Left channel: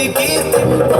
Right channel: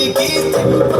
It gets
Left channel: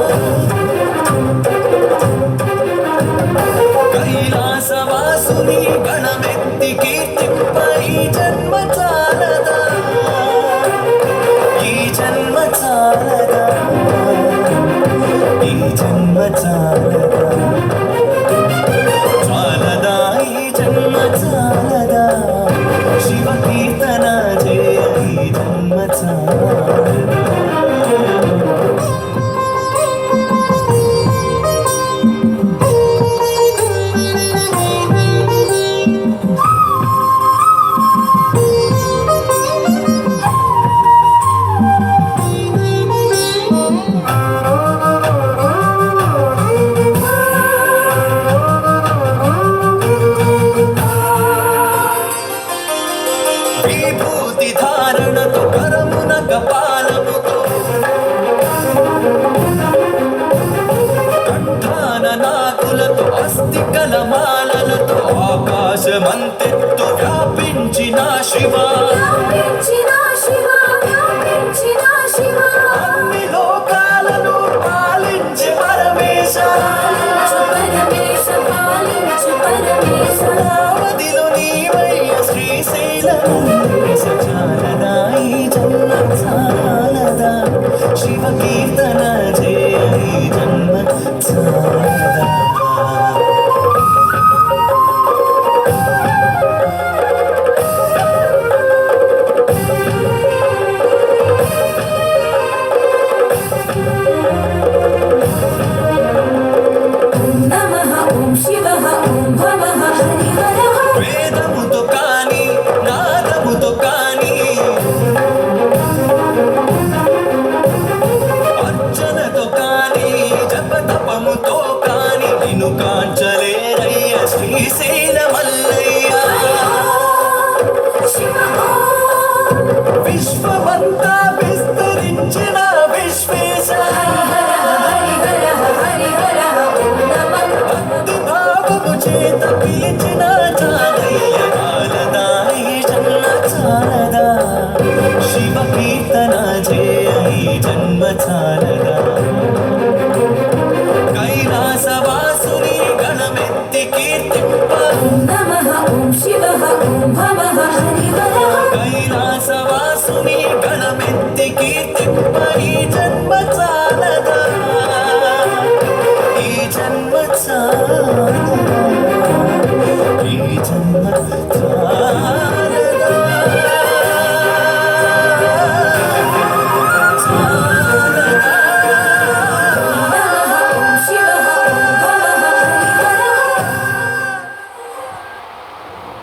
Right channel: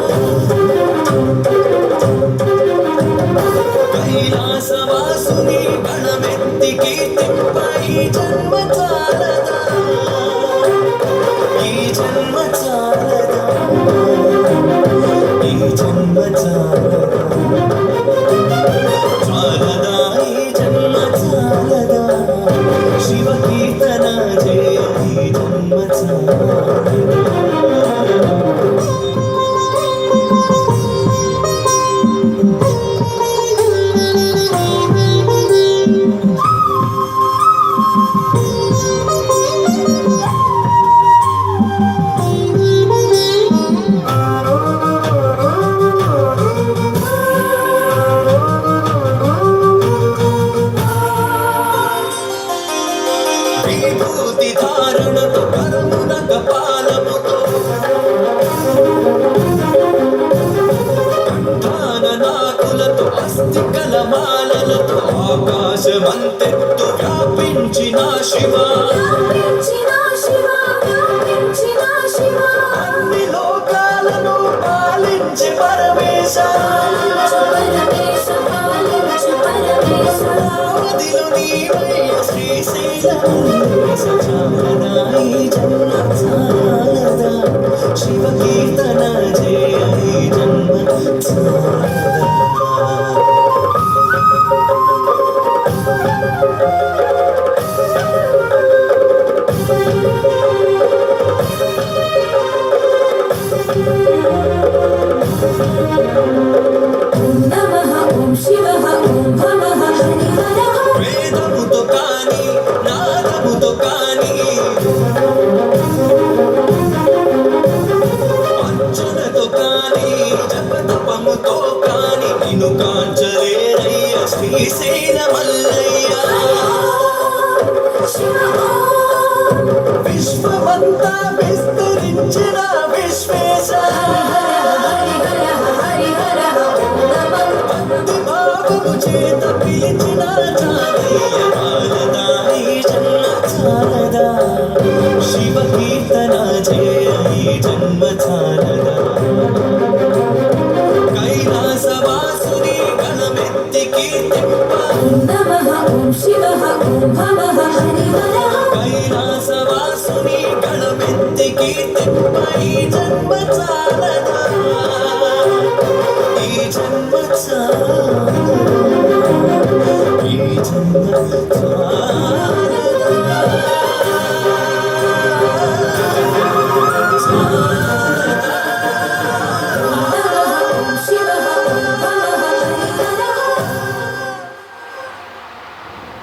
విభూతి ఆకాశమంతెత్తు వ్యాపించిన శివా. విశ్వమంతా విస్తరించిన విశ్వే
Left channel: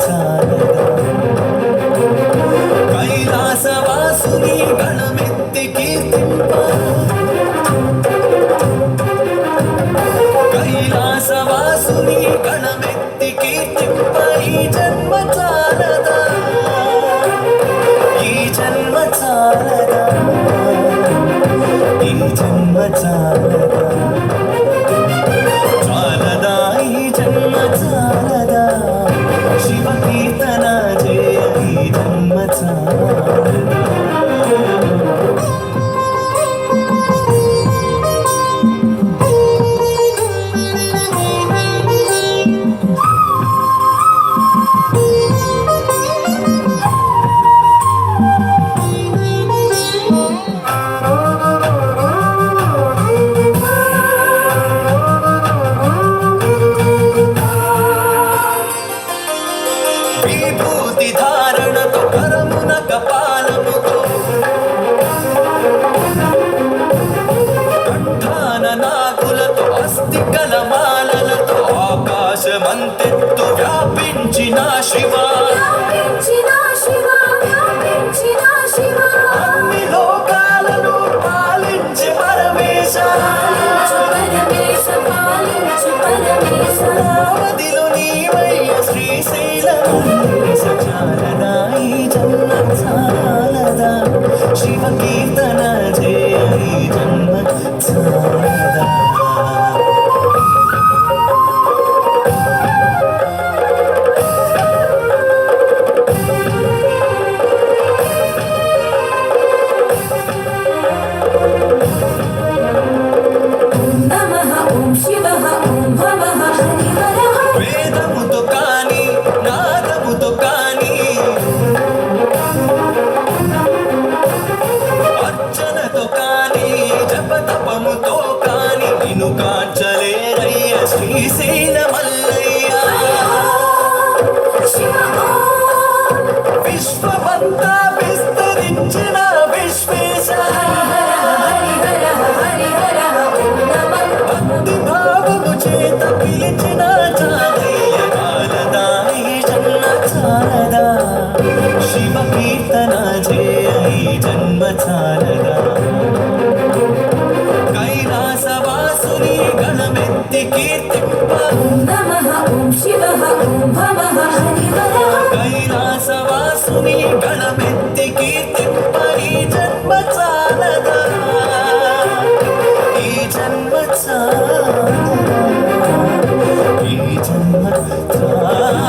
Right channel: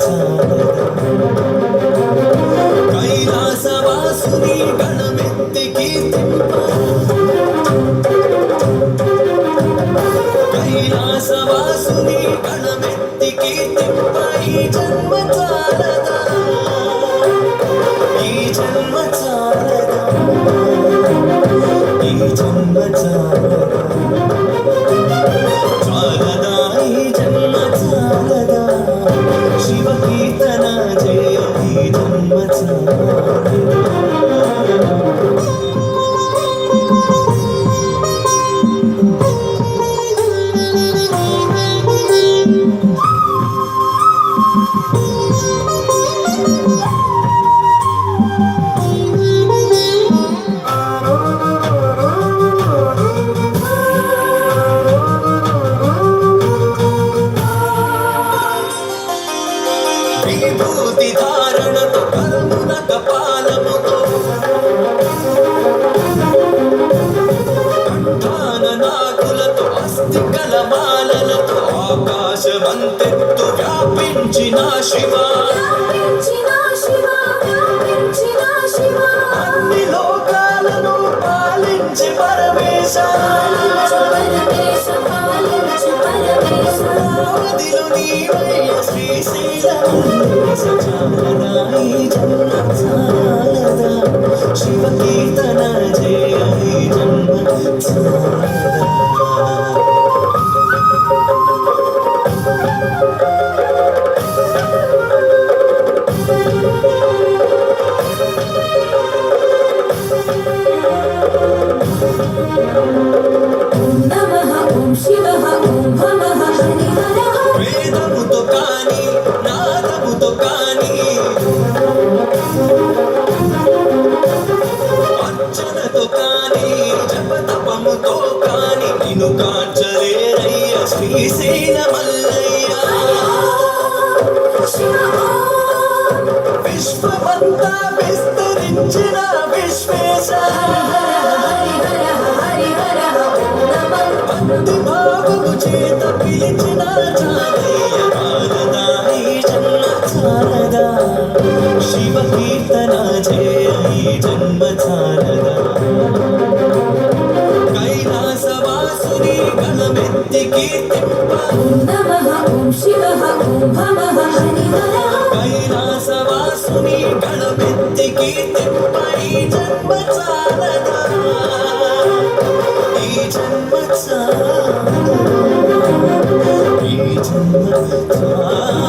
time. Thank you. oh